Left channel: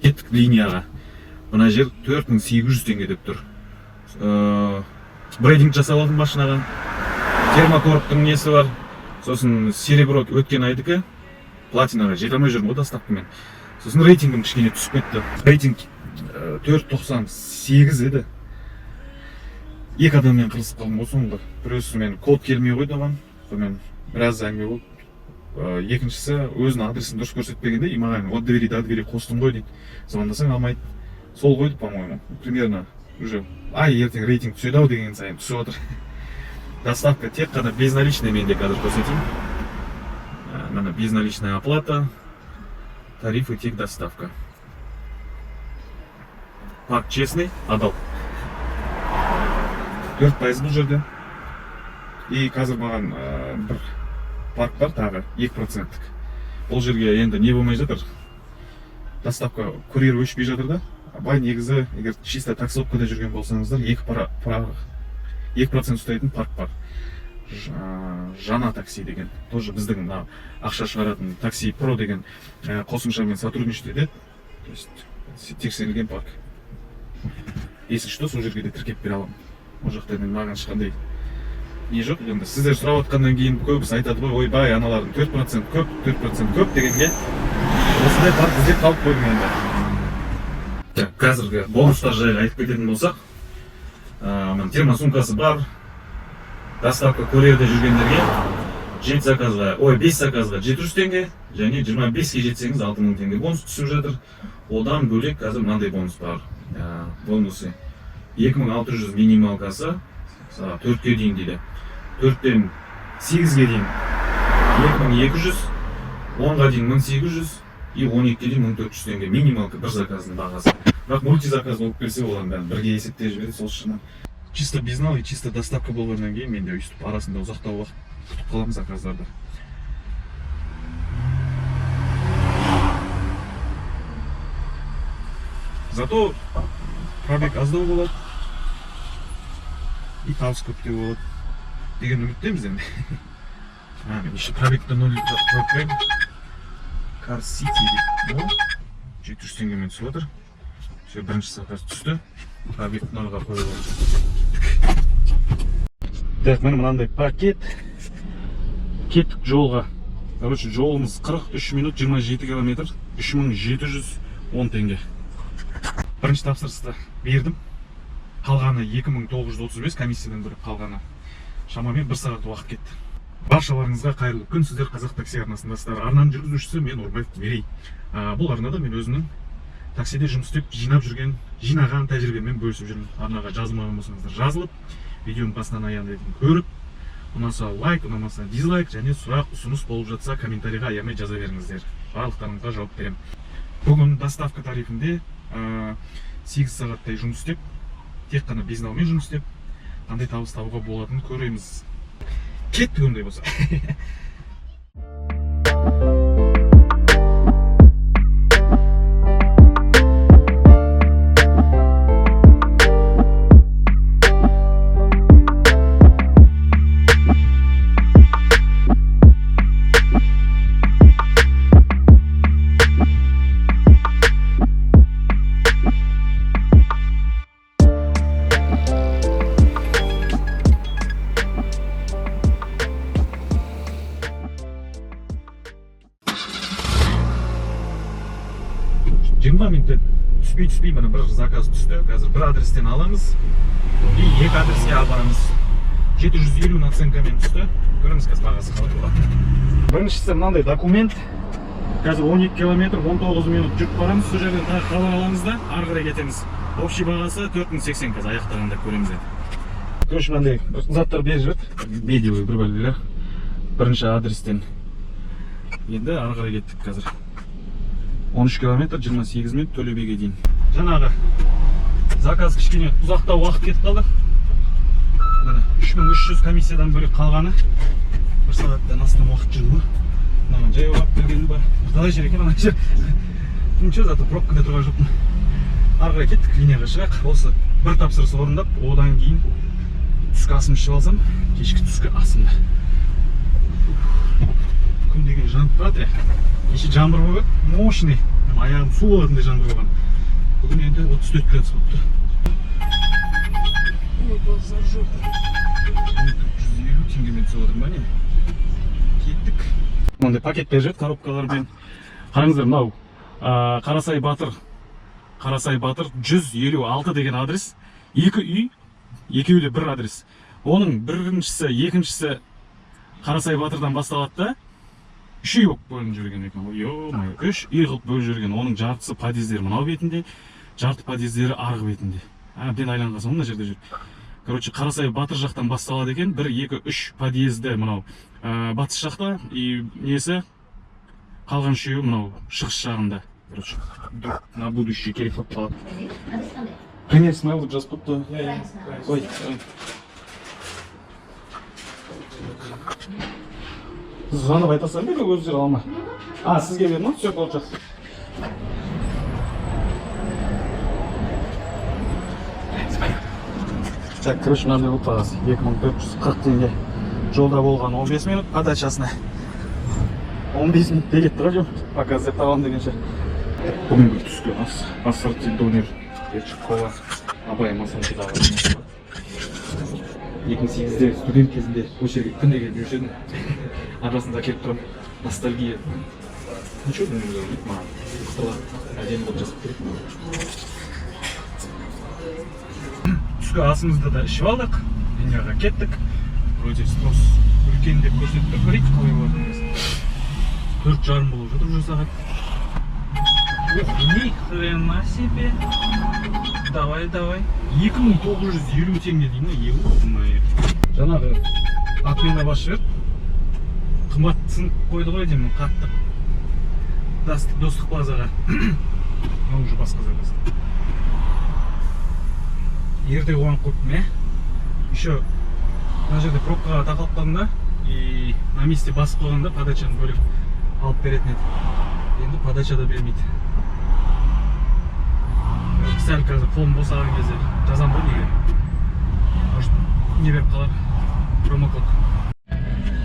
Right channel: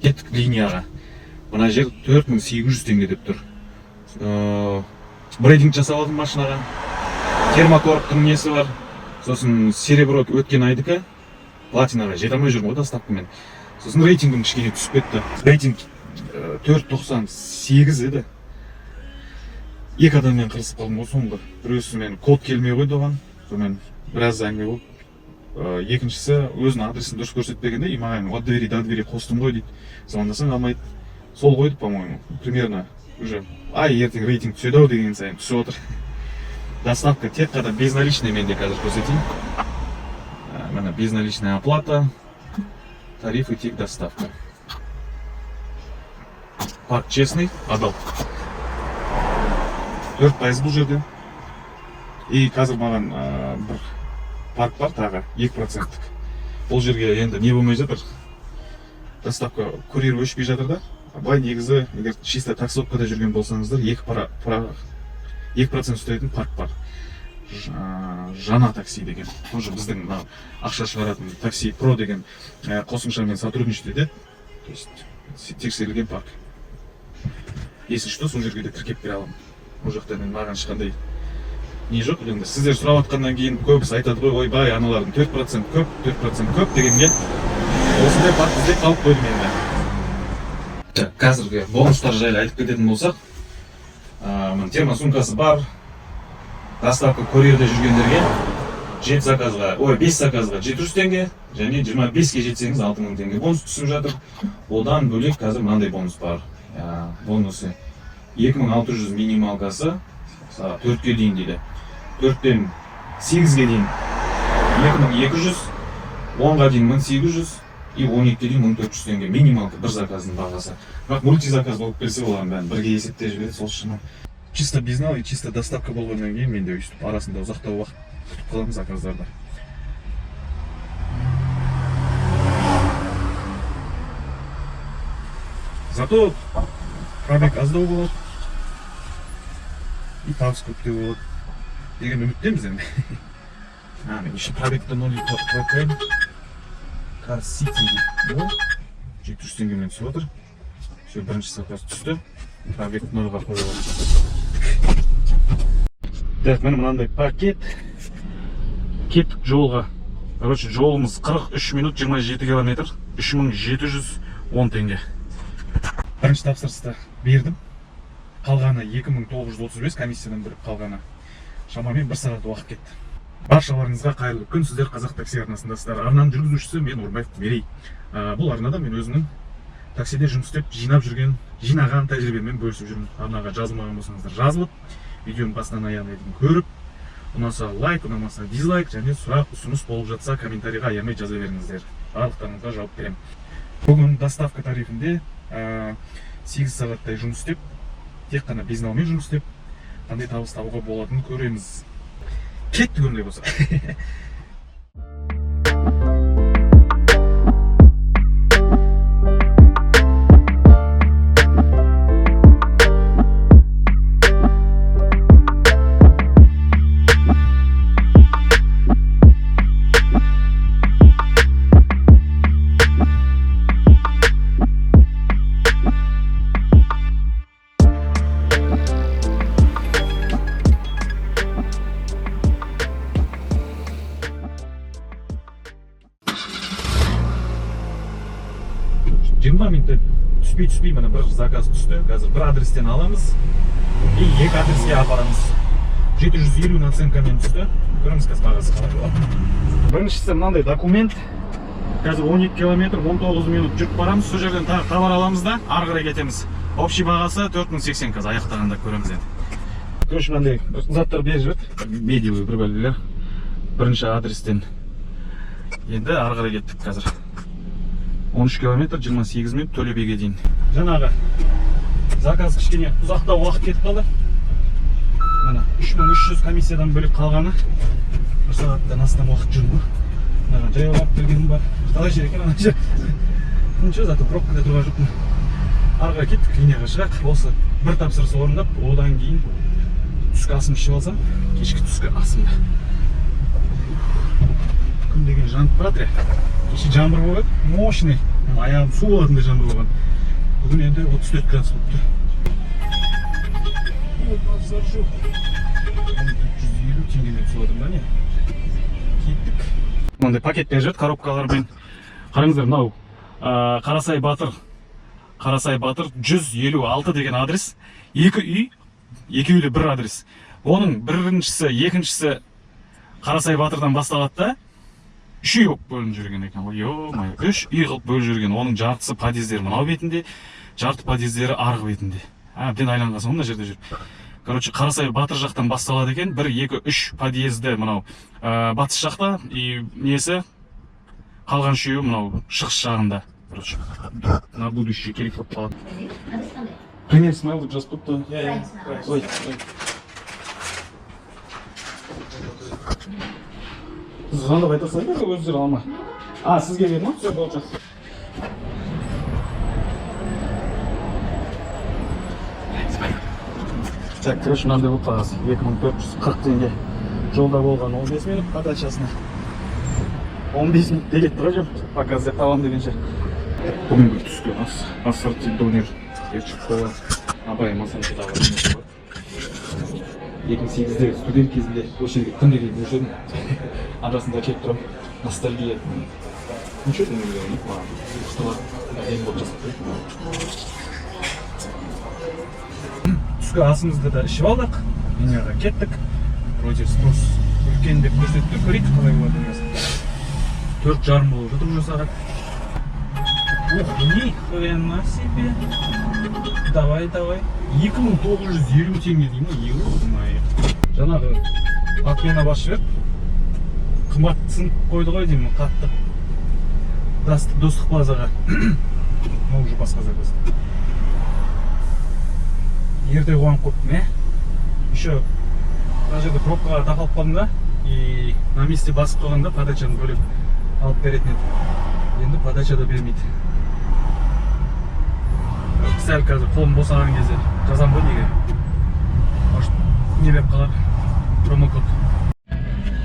Кеттік линияға. Мына жер 4800 теңге деп тұр. Брейдинг жасап алдым машинаға. Термокорптың несі бар. Сосын серебро өткен айдікі платинаға жете алмай жүрмін ғой доставкамен. Сосын рейтингім кішкене түсіп кетті. Рейтинг 4.98 еді. Екі адаммен қырысып қалдым ғой соңғы. Біреусі мен код келмей қойды оған. Сонымен біраз әңгіме болып. Екіншісі өзінің адресін дұрыс көрсетпегенде, и маған от двери до двери қостым ғой дейді. Звондасаң алмайды. Сол қойды, по-моему. Примерно уже ертең рейтинг түседі ау деген сайын түсіп отыр. Доставка тек қана безналичный менде қазір көрсетейін. Мына безналичная оплата, тарифы тек доставка. Парк честный, адал. 4% бұл жерде. И қазір маған бір парк бар тағы 2%. Бұл жерге енді не болмай жатыр. Доставка курьер өшпей жатыр да. Былай негізі, егер чисто таксовкада жүрген болсаңыздар, 2% ұстайтын парк бар. Жана такси деген. Тоже біздің ақша шығаратын такси про деген қосымшамен сотрудничать етеді. То есть тексерілген парк. Если что, сол жерге де тіркеп бере аламын. Ол жақта маған ешқандай не жоқ. Енді сіздер сұрап отқаннан кейін көбісі айтады ғой, ойбай, аналардың 4% көп, 4% көп дегенге осындай парк іздеп тауып қойдым енді. Қазіргі бонустар жайлы айтып кететін болсақ, термосумкасы бар. Доставка курьерде жүргендерге 5 заказға 700 теңге, және 25-ке жетсеңіз 6000 теңге бонус түсіп жатыр. Одан бөлек қазір мынандай бонус бар. Бонусы 2600 минималкасы 4-ке дейін дейді. 4-тен 8-ге дейін 2200, 10-ға дейін 1800 и 12-ке дейін 1400 теңге минималка бір заказдың бағасы. Бірақ мультизаказ болып келсе олардың бәрін бірге есептеп жібереді, сол үшін чисто безнал и чисто доставка болғаннан кейін менде өйстіп арасында ұзақтау уақыт күтіп қаламын заказдарды. Зато пробег аздау болады и табыс көптеу болады деген үміттеміз енді. Еще пробегті 0 қойып қояйын. Car City 700 теңгемен түсіп отыр. Бірінші заказ түсті. Пробег 0-ға қойылған. Так, міне мынандай пакет. Кеттік жолға. Короче, жолымыз 43 минут 27 километр. 3710 теңге. Бірінші тапсырысты бердім. Қалғаны 2935 комиссиядан бөліп қалғаны. Шамамен 1 сағат уақыт кетті. Баршаларыңызға қайырлы күн. Сіздер Қазақ такси арнасындасыздар. Арнаның жүргізушісі мен Орынбаев Мерей. Бұл арнада мен өзінің таксиде жұмыс істеп жинаған тәжірибеммен бөлісіп жүрмін. Арнаға жазылмаған болсаңыздар жазылып, видеоны бастан аяғына дейін көріп, ұнаса лайк, ұнамаса дизлайк, және сұрақ ұсыныс болып жатса комментарийға аямай жаза беріңіздер. Барлықтарыңызға жауап беремін. Бүгін доставка тарифінде 8 сағаттай жұмыс істеп, тек қана безналмен жұмыс істеп, қандай табыс табуға болатынын көреміз. Кеттік ондай болса. Түспей, мына бір заказ түсті. Қазір бір адрестен аламыз и екі адреске апарамыз. 750 наценкамен түсті. Көріңіз қазір бағасы қалай болады. Біріншісі мынандай документ. Қазір 12 километр 19 минут жүріп барамыз. Сол жерден тағы хабар аламыз да ары қарай кетеміз. Общий бағасы 4080 қазір аяқтағанда көреміз енді. Короче, мынандай заттар беріп жіберді. Бедилы бір бөлгелер. Бірінші адрестен енді ары қарай кеттік қазір. 13 километр 28 минут Төлебеге дейін. Жаңағы заказ кішкене ұзақтау уақыт кетіп қалды. 3300 комиссиядан бөлек қалғаны 1 сағаттан астам уақыт жүрді. Мынаған жаяу алып келгенім бар. Қалай жер екен ана жер. Ничего, зато пробкада тұрған жоқпын. Арға кеттік, линияға шығайық. Осы бір тапсырыс орындап, одан кейін түскі асым ішіп алсам, кешкі түскі асымда. Күн деген жанып тұрады. Кеше жаңбыр болып еді, мощный. Аяғым су болатындай жаңбыр болған. Бүгін енді 34 градус болып тұр. Базар жоқ. 450 теңгемен түсіп отыр ма не? Кеттік. Мынандай пакет беріп жатыр коробкалармен. Қараңыздар, мынау Қарасай Батыр 156 деген адрес. Екі үй, екеуі де бір адрес. Оның біріншісі, екіншісі Қарасай Батырдан басталады да, үш үй болып бөлініп жүрген екен. Үш үй қылып бөлініп жүрген. Оның жартысы подъездері мынау бетінде, жарты подъездері арғы бетінде. Әбден айланған соң мына жерде жүр. Короче, Қарасай Батыр жақтан басталады екен. 1, 2, 3 подъезді мынау батыс жақта, и несі қалған үшеуі мынау шығыс жағында. Короче, на будущее керек болып қалады. Конец смайлы жазып қойыпты. Ой. Звонып айта салайын ба, өздері алма? Сізге берді ма? Все, получается. Так, короче, мынандай болып қалғасы. 2440 теңге. Жолда болған 15 минут, подачасына 15 минут келет тұрып, пока іздеп табам дегенше. Бүгінгі түскі ассорти донер шығып қалған. Абай масанчыда бар. 2008-де студент кезінде осы жерге күнде келіп жүруші едім. Арасында келіп тұрам. Ностальгия. Ничего не маған. Қыстылар әдемі болып жасап келеді. Түскі асымызды да ішіп алдық. Венераға кеттік. Вроде спрос үлкен деп көрсетіп көрейік қалай болады емес. 4:30 болып жатыр уже сағат. Ни хрена себе. Давай. 2950 теңге деймін, евро. Жаңағы отмена басшы берді. Қымбатсын қойды ғой деймін, қатты. Достық плазаға. Мынау уже басқа зардасы. Ерте оған қойыптым, Еще мына жерде пробкаға тақалып қалдым да, и на месте басып қалғанда подачаны бөліп алып беретін еді. Енді подачада бермейді. Сәл қазір қолым босаған кезде жазам ғой неге. Может, не беріп қалар. Промокод.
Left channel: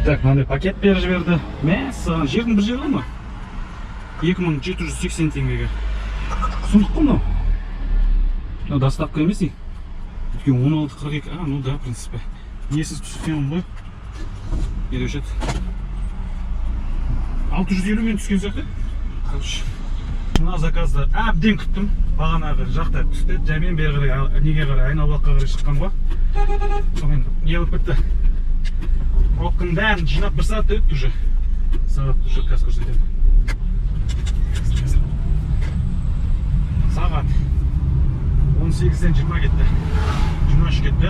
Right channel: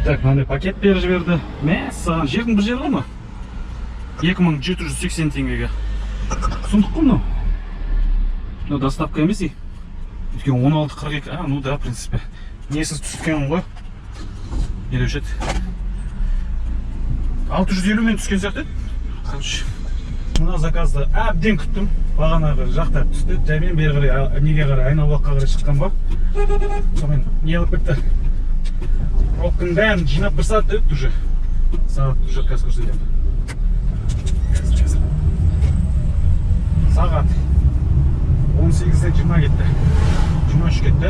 Так, мынандай пакет беріп жіберді. Саған жердің бір жері ма? 2780 теңгеге. Сұмдық қой мынау. Мынау доставка емес и. Өйткені 16.42. Ну да, в принципе. Несіз түскен ғой. Елеушет. 650 мен түскен сияқты. Короче. Мына заказды әбден күттім. Бағанағы жақта түсті. Жәмен бері қарай неге қарай айналбаққа қарай шыққан ба. Сонымен не қылып кетті. Пробканың бәрін жинап бір сағат өтті уже. Сағат уже қазір көрсетемін. Сағат 18-ден 20 кетті. 23 кетті.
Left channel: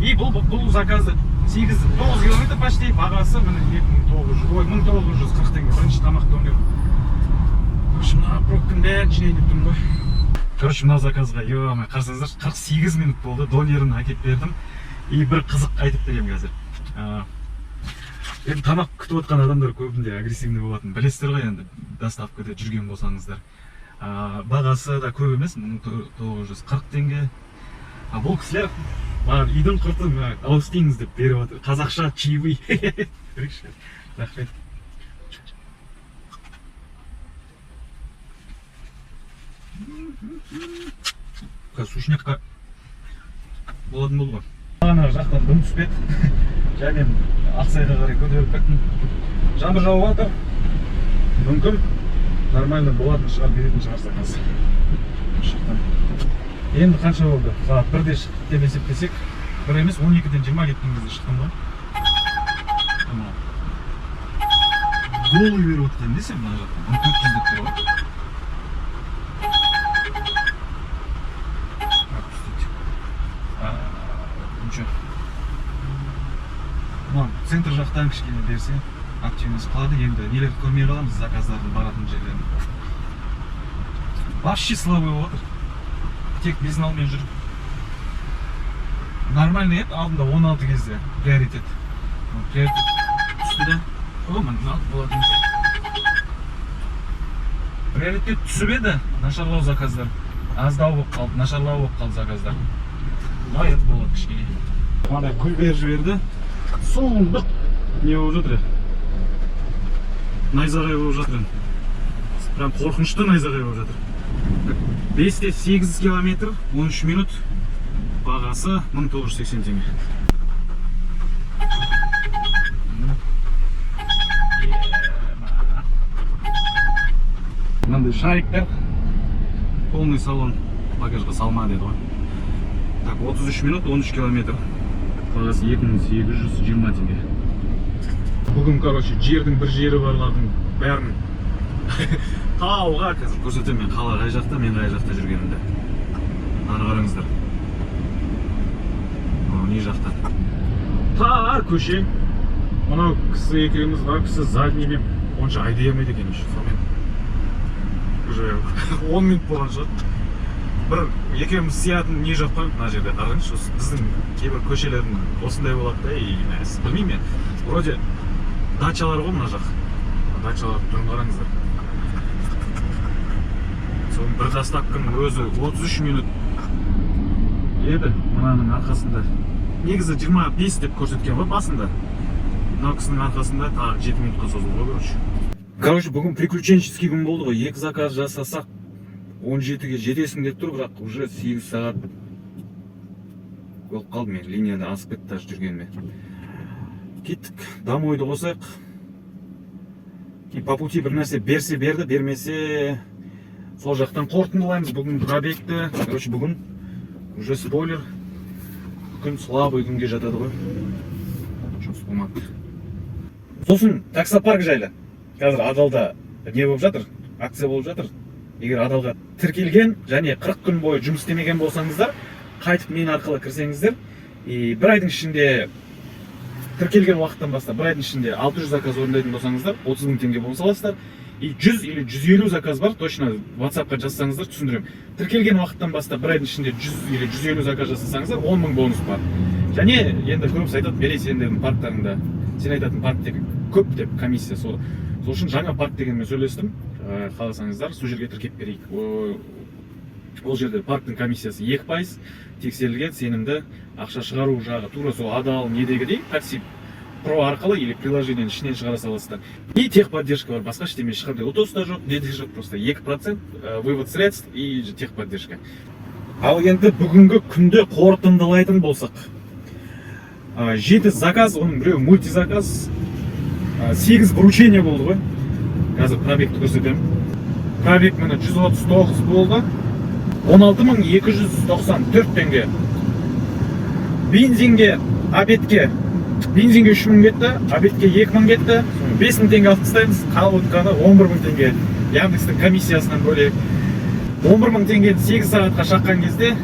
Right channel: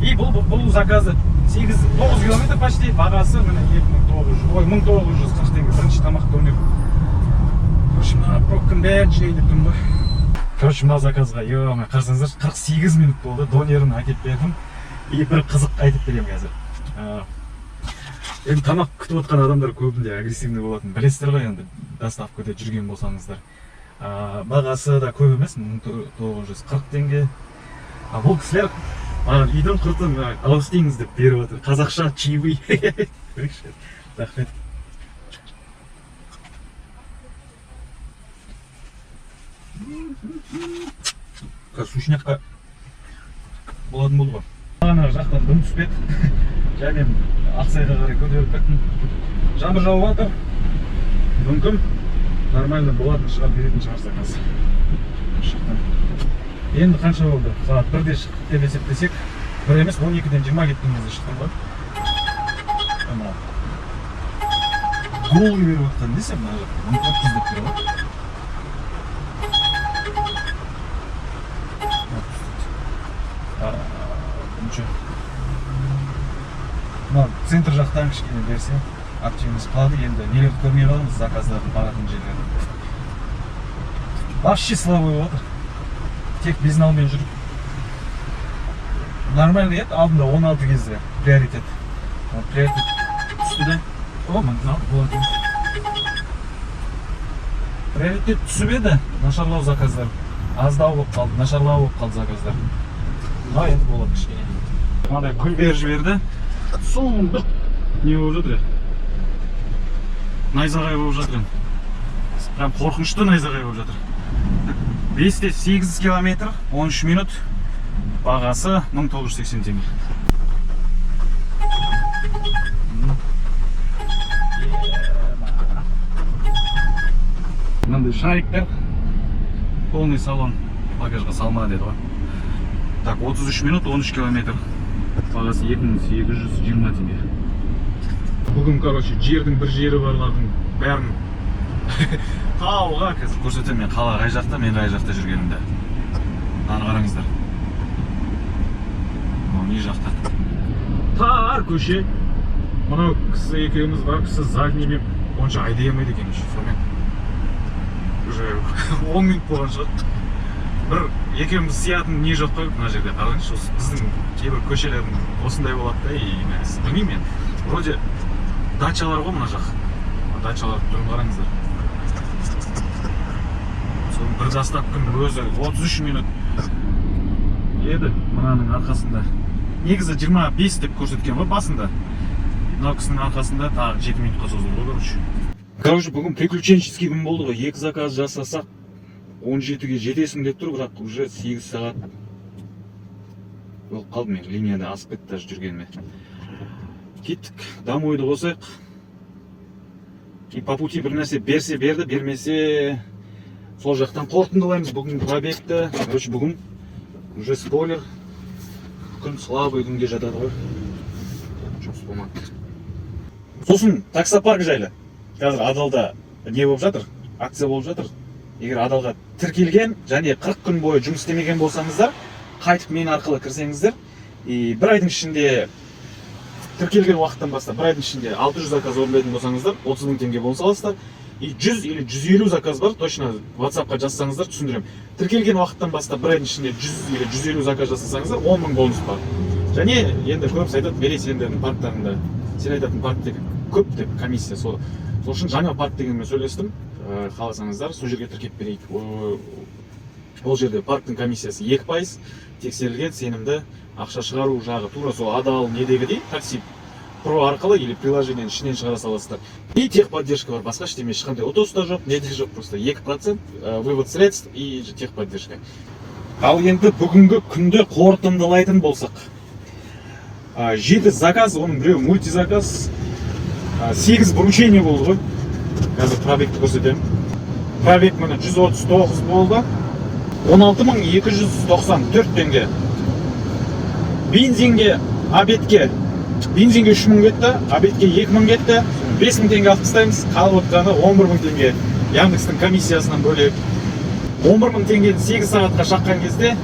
И бұл заказы 9 километр почти. Бағасы міне 1940 теңге. Бірінші тамақ көмек. Короче, мына пробканың бәрін жинайын деп тұрмын ғой. Короче, мына заказға, қарсаңыздар, 48 минут болды. Донерін әкеп бердім. И бір қызық айтып берем қазір. Енді тамақ күтіп отқан адамдар көбінде агрессивный болатын. Білесіздер ғой енді доставкада жүрген болсаңыздар. Бағасы да көп емес, 1940 теңге. Бұл кісілер үйдің құртын алып істейіңіз деп беріп отыр. Қазақша чаевый. Рахмет. Сушняққа болатын болды ғой. Бағана жақтан дым түспеді. Және Ақсайға қарай көтеріліп кеттім. Жаңбыр жауып жатыр. Мүмкін нормально болатын шығар, беретін шығар заказ. Енді қанша болды? Сағат 1-де шықтық деп есептесек, 1 емес 12-ден 20 кеткен кезде шыққан ғой. Голый беріп отқан десем, 14 деп беріп отыр. Центр жақтан кішкене берсе, активность қылады. Енді нелерді көрмей қаламыз, заказдардың баратын жерлерін. Вообще слабый отыр. Тек безналмен жүріп. Нормально еді, алдында 16 кезде приоритет. Приоритет түсті да. Болады. Приоритет түсіп еді, нашарлау заказдар. Аздау болып қалды, нашарлау болып қалды заказдар. Но енді болады кішкене. Мынандай гүл беріп жіберді. Сұмдық не болып жатыр. Найзағай болып жатыр енді. Прям қорқынышты найзағай болып жатыр. 5-те 8 километр, 13 минут. Бағасы 1980 теңге. Мынандай шариктер. Полный салон. Багажға салма деді ғой. Так, 33 минут, 13 километр. Бағасы 2820 теңге. Бүгін, короче, жердің бір жері барлардың бәрін тауға қазір көрсетемін. Мен қала қай жақта, мен қай жақта жүргенімді. Аны қараңыздар. Не жақта? Тар көше. Мұны кісі екеуміз бар, кісі задниймен онша айдай алмайды екен, шофермен. Уже 10 минут болған шығар. Бір екеуміз сиятын не жоқ па мына жерде. Қараңызшы, біздің кейбір көшелердің осындай болады да, білмеймін мен. Вроде дачалар ғой мына жақ. Дачалар тұрын қараңыздар. Соның бір заставканың өзі 33 минут еді мынаның арқасында. Негізі 25 деп көрсеткен ғой басында. Мынау кісінің арқасында тағы 7 минутқа созылды ғой, короче, бүгін приключенческий күн болды ғой. 2 заказ жасасақ 17-ге жетесің деп тұр, бірақ уже 8 сағат болып қалды. Мен линияда асып кетті даже жүргеніме. Кеттік, домойды қосайық. По пути бір нәрсе берсе берді, бермесе сол жақтан қорытындылаймыз бүгін пробегті. Короче, бүгін уже спойлер, күн слабый күнге жатады ғой. Жұмыс болмады. Сосын таксопарк жайлы. Қазір Адалда не болып жатыр? Акция болып жатыр. Егер Адалға тіркелген және 40 күн бойы жұмыс істемеген болсаңыздар, қайтып мен арқылы кірсеңіздер, бір айдың ішінде тіркелген уақыттан бастап бір айдың ішінде 600 заказ орындайтын болсаңыздар, 30 000 теңге бонус аласыздар. 100 или 150 заказ бар, точно WhatsApp-қа жазсаңыздар түсіндірем. Тіркелген уақыттан бастап бір айдың ішінде 100 или 150 заказ жасасаңыздар, 10 000 бонус бар. Және енді көбісі айтады, бере сендердің парктарыңда, сен айтатын парктегі көп деп комиссия. Сол үшін жаңа парк дегенмен сөйлестім. Қаласаңыздар, сол жерге тіркеп берейік. Ол жерде парктың комиссиясы 2%, тексерілген сенімді ақша шығару жағы тура сол Адал недегідей такси про арқылы или приложениенің ішінен шығара саласыздар. И техподдержка бар, басқа ештеме, ешқандай ұтыс та жоқ, неде жоқ, просто 2% вывод средств и техподдержка. Ал енді бүгінгі күнде қорытындылайтын болсақ, 7 заказ, оның біреу мультизаказ, 8 вручение болды ғой. Қазір пробегті көрсетемін. Пробег міне 139 болды. 16.294 теңге. Бензинге, обедке, бензинге 3 000 кетті, обедке 2 000 кетті. 5 000 теңге алып тастаймыз. Қалып отырғаны 11 000 теңге. Яндекстің комиссиясынан бөлек. 11 000 теңгені 8 сағатқа шаққан кезде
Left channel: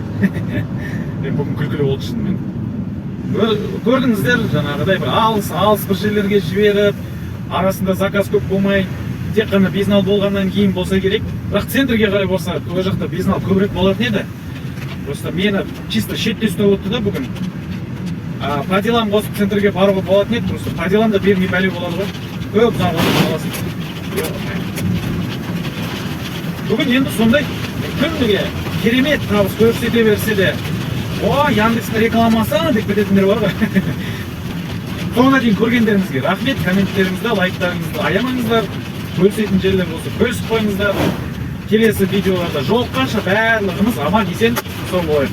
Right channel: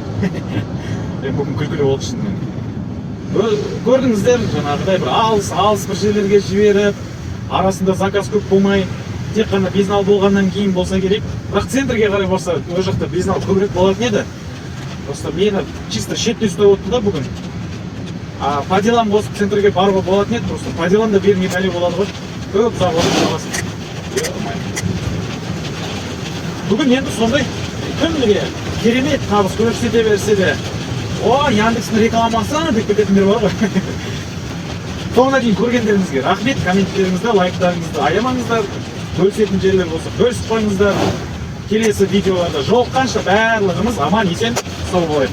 бүгін күлкілі болды шынымен. Көрдіңіздер, жаңағыдай бір алыс бір жерлерге жіберіп, арасында заказ көп болмай, тек қана безнал болғаннан кейін болса керек. Бірақ центрге қарай болса, ол жақта безнал көбірек болатын еді. Просто мені чисто шетте ұстап отты да бүгін. По делам қосып центрге баруға болатын еді, просто по делам да бермей бәле болады ғой. Көп ұзақ уақыт қаласын. Бүгін енді сондай күніге керемет табыс көрсете берсе де, о, Яндекстің рекламасы деп кететіндер бар ғой. Соңына дейін көргендеріңізге рахмет, комменттеріңізді, лайктарыңызды аямаңыздар, бөлісетін жерлер болса бөлісіп қойыңыздар. Келесі видеоларда жолыққанша барлығымыз аман есен сау болайық.